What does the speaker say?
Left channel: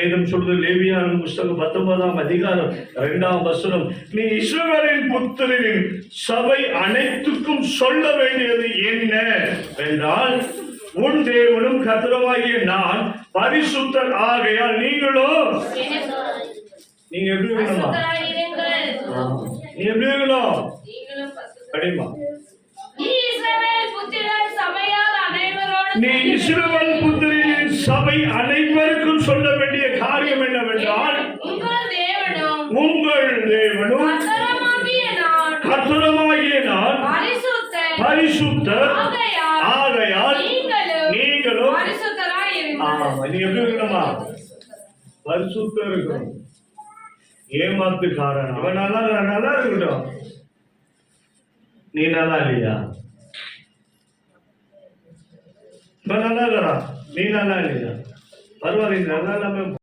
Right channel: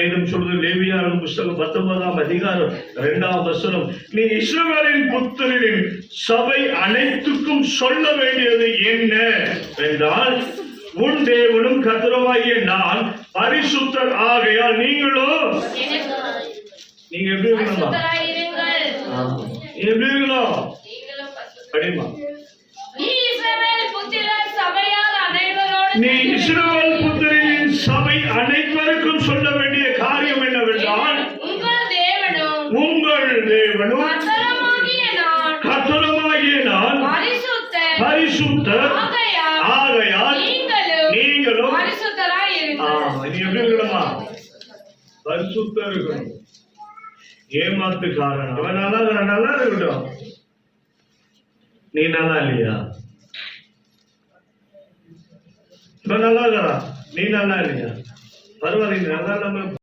வேதம் சொல்றது லேவியராகமம் புத்தகம் 19ஆம் அதிகாரம் 2ஆம் வசனம், நீ இஸ்ரவேலின் புத்திரரின் சபை அனைத்துக்கும் சொல்ல வேண்டியது என்ன என்றால், உன் தேவனும் கர்த்தருமாகிய நான் பரிசுத்தர் ஆகையால் நீங்களோ நீங்க எப்படி இருக்கணும்? எப்படி இருக்கணும்? அப்படிமா நீ இஸ்ரவேல் புத்திரரின் சபை அனைவருக்கும் சொல்ல வேண்டிய காரியம் என்னவென்றால், உங்கள் தேவனும் கர்த்தருமாகிய நான் பரிசுத்தர் ஆகையால் நீங்களும் நீ எப்படி இருக்கணுமா? பரிசுத்தர் இருக்கணும். ஏமாத்துக்காரன் அவன் நல்லா இருக்கட்டும், நீ நல்லா இல்லையா? இவன் நல்லா இருக்கா, நீ நல்லா இல்லையா? பரவாயில்ல, நல்லா இல்லாம